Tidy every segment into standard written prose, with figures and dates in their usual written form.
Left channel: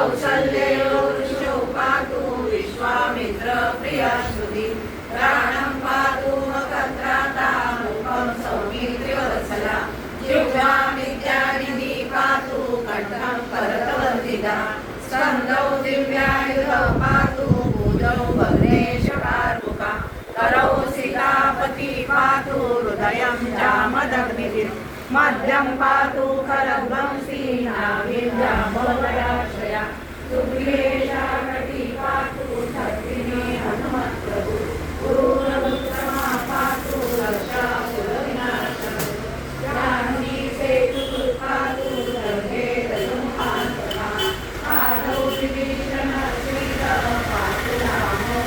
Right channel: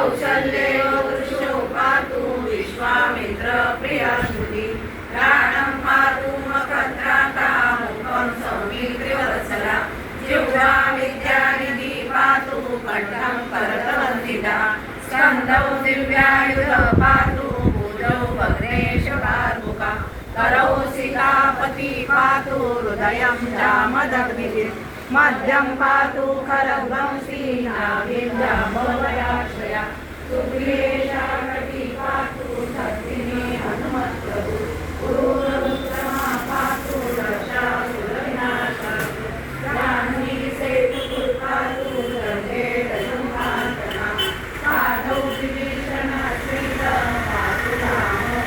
कौसल्ययो वृषो पातु विश्वामित्र प्रियश्रुति प्राणं पातु मकत्राता मुखं सौमित्रिवत्सला जिह्वा विद्यानिधि पातु कंठं करतवन्दिता स्कन्दौ दिव्यायुध पातु भुजौ भग्नेशकार्मुका करौ सीतापति पातु हृदयं रामदग्निः मध्यं पातु खरगं सीनाभिर्भवयाश्रया सुप्रियेशानति पातु शक्तिनी हनुमत्प्रभु गुरुरुत्तमा पातु रक्षा कुलविनाशा जानकी सेतु पातु रघे दशमुखान्तका आदौ विभीषण श्रीराम पातु रामो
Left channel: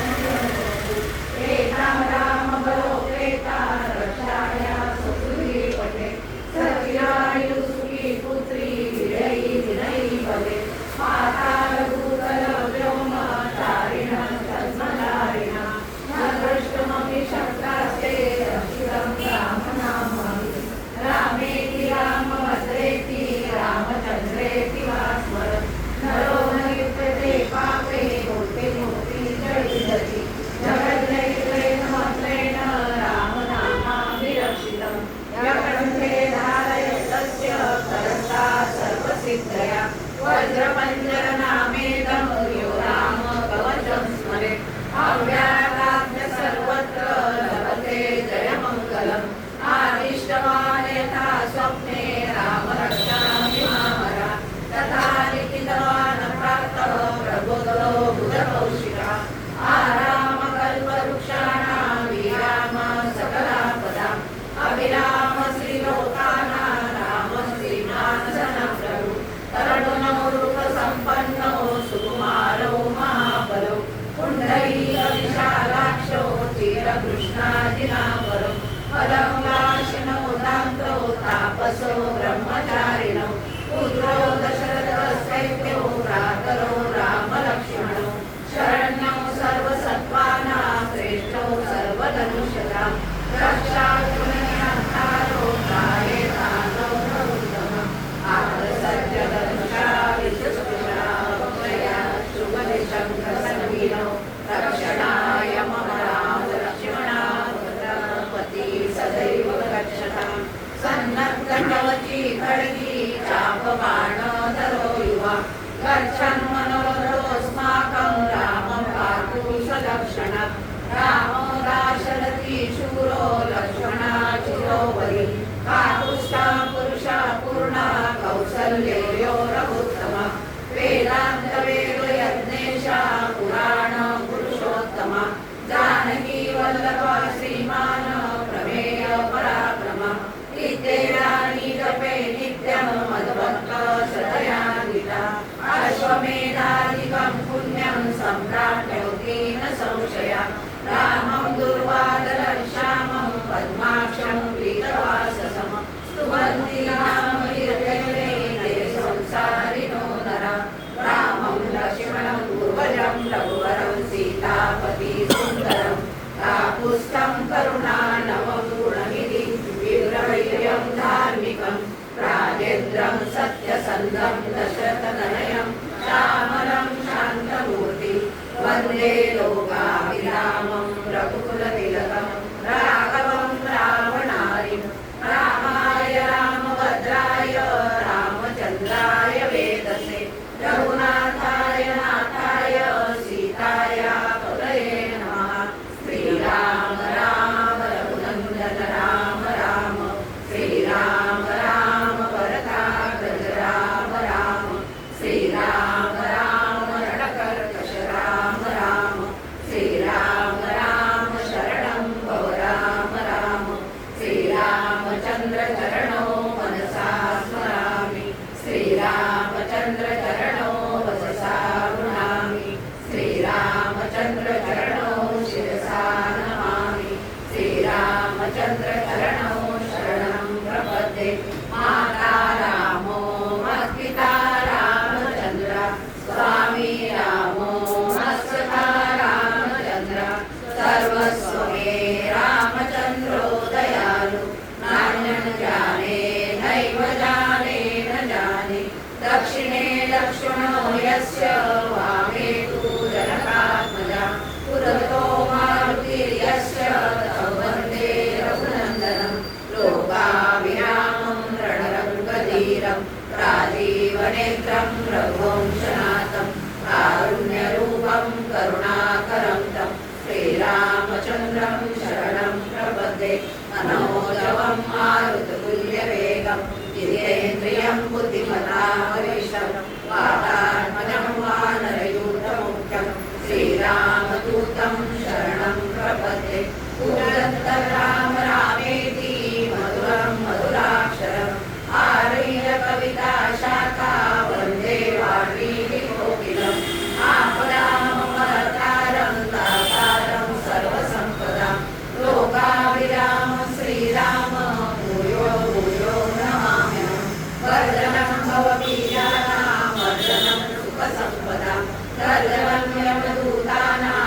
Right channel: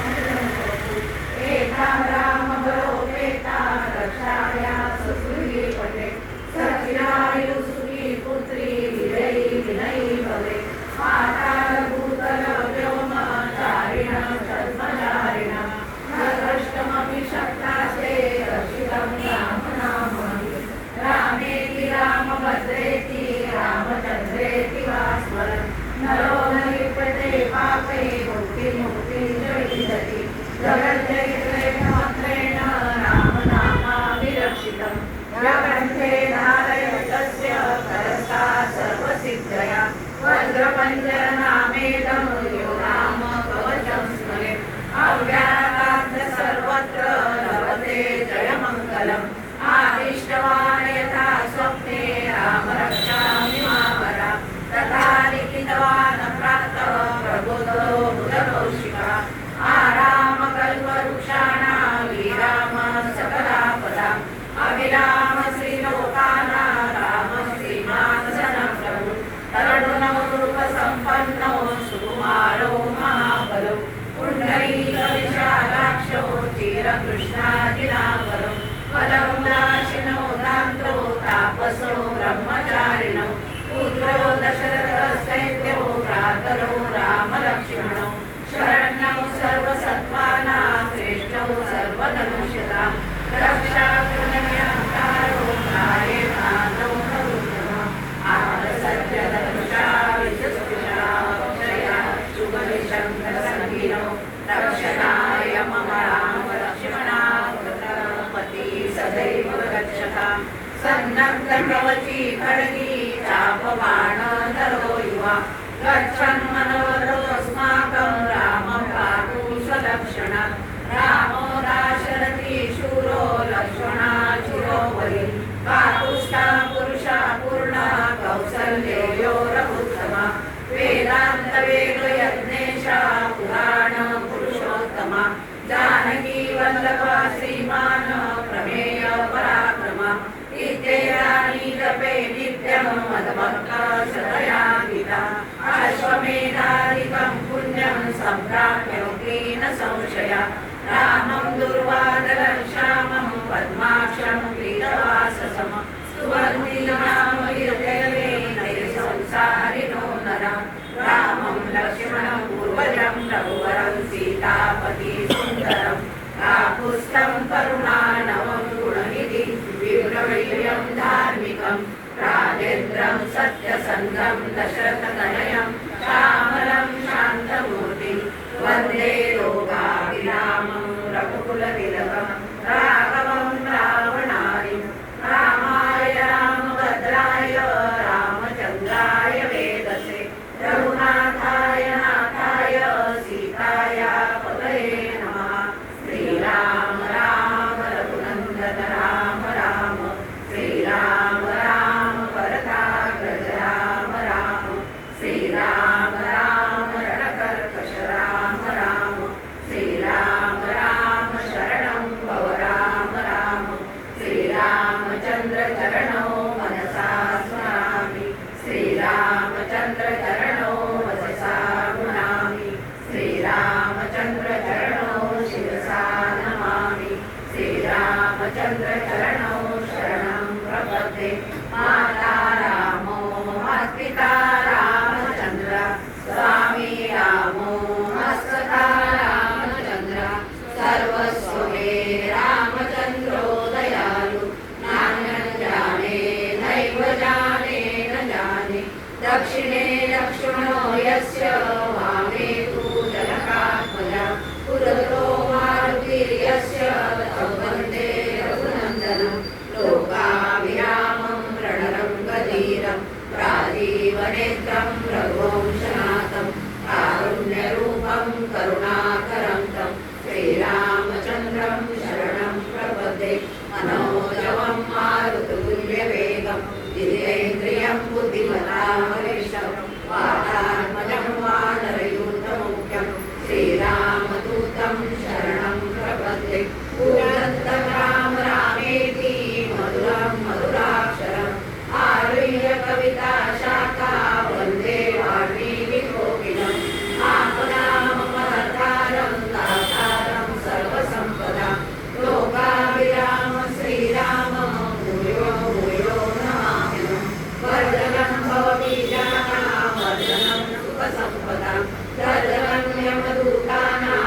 एकं राम बलोपेता रक्षाया सुग्रीवपते सचिरायु सुखी पुत्री विजयी विनयी भवे माता भूतल व्योम तारिण धर्मधारिण न कष्टमपि शक्तास्ते रक्षितं रामनामं रामेति रामभद्रेति रामचन्द्रेति वा स्मरन् नरो न लिप्यते पापे मुक्तिं च विन्दति जगज्जयित्रेण रामनामाभिरक्षितं ग्रन्थे धारयतस्य करस्ता सर्वसिद्धया वज्रपञ्जरनामेदं यो नाम कवचं स्मरेत् अव्याघ्राद्य सर्वत्र लभते जयमङ्गलम् आदिष्टवान् यथा स्वप्ने राम रक्षामि मामरा तथा लिखितवान् प्रातः प्रबोधो बुधकौशिकः आराम कल्पवृक्षाणां विराम सकलापदाम् अभिराम श्रीलोकानां राम श्रीमानसनं प्रभु तरुणो रूपसम्पन्नो सुकुमारो महाबलो पुण्डरीकविशालाक्षो चिरकृष्णादिनाकरो फलमुलाशिनो दान्तो तापसो ब्रह्मचारिणो पुत्रो दशरथस्तैत्यो भ्रातरो रामलक्ष्मणो शरण्यो सर्वसत्त्वानां श्रेष्ठो सर्वधनुष्यतां रक्षाकुलनिरन्तारो त्रायेतानो नरोत्तमः आदसत्यधनुषा विदुष्टिषा वक्षया शुभनिशङ्खसङ्गिनो रक्षणाय मम राम लक्ष्मणापति सदैव रक्षतां सन्नद्धकवची खड्गी चापबाणधरो युवा गच्छन् मनोरथोऽस्माकं रामं पातु सलक्षणात् रामो दाशरथी शूरो लक्ष्मणाचिरो वै काकुष्ठा पुरुषा पूर्णा कौसल्यो रघुत्तमा वेदान्तवेदयज्ञेशा पुराण पुरुषोत्तमा जानकी वल्लभा श्रीमान् प्रमेय पराक्रमा इत्येतानि जपे नित्यं मद्भक्तशतया गीता अश्वमेधादिकं पुण्यं सम्प्राप्नोति न संशया रामं दुर्वादलं श्यामं पद्माक्षं पीतवाससं स्तुवन्ति नाम हृदयेन संसारिणो नरा रामं लक्ष्मणं पूर्वजं रघुवरं सीतापति सुन्दरं काकुत्स्थं करुणानवं गुणनिधिं विभ्रमवीर्यं धार्मिकं राजेन्द्रं सत्यसन्धं दशरथतनयं श्यामलं शान्तमूर्तिं वन्दे लोकाभिरामं रघुकुलतिलकं राघवं रावणारिं रामाय रामभद्राय रामचन्द्राय वेदसे रघुनाथाय नाथाय सीताया पतये नमः श्रीराम राम रघुनन्दन राम राम श्रीराम राम भरताग्रज राम राम श्रीराम राम रणकर्कश राम राम श्रीराम राम शरणं भव राम राम श्रीरामचन्द्र चरणो मनसा स्मरामि श्रीरामचन्द्र चरणो वचसा गृह्णामि श्रीरामचन्द्र चरणो शिरसा नमामि श्रीरामचन्द्र चरणो शरणं प्रपद्ये माता रामो मत्पिता रामचन्द्र स्वामी रामो मत्सखा रामचन्द्र सर्वस्व मे रामचन्द्रो दयालु नान्यं जाने नैव जाने न जाने दक्षिणे लक्ष्मणो यस्य वामे तु जनकात्मजा पुरतो मारुतिर्यस्य तं वन्दे रघुनन्दनं लोकाभिरामं रणरङ्गधीरं राजीवनेत्रं रघुवंशनाथं कारुण्यरूपं करुणाकरं तं श्रीरामचन्द्रं शरणं प्रपद्ये मनोजवं मारुततुल्यवेगं जितेन्द्रियं बुद्धिमतामनिष्टं वातात्मजं वानरयूथमुख्यं श्रीरामदूतं शरणं प्रपद्ये कूजन्तं राम रामेति मधुरं मधुराक्षरम् आरुह्य कविता शाखा वन्दे वाल्मीकिकोकिलम् आपदामपहर्तारं दातारं सर्वसम्पदां लोकाभिरामं श्रीरामं भूयो भूयो नमाम्यहम् वर्धनं भवबीजानां वर्धनं सुखसम्पदां वर्धनं यमदूतानां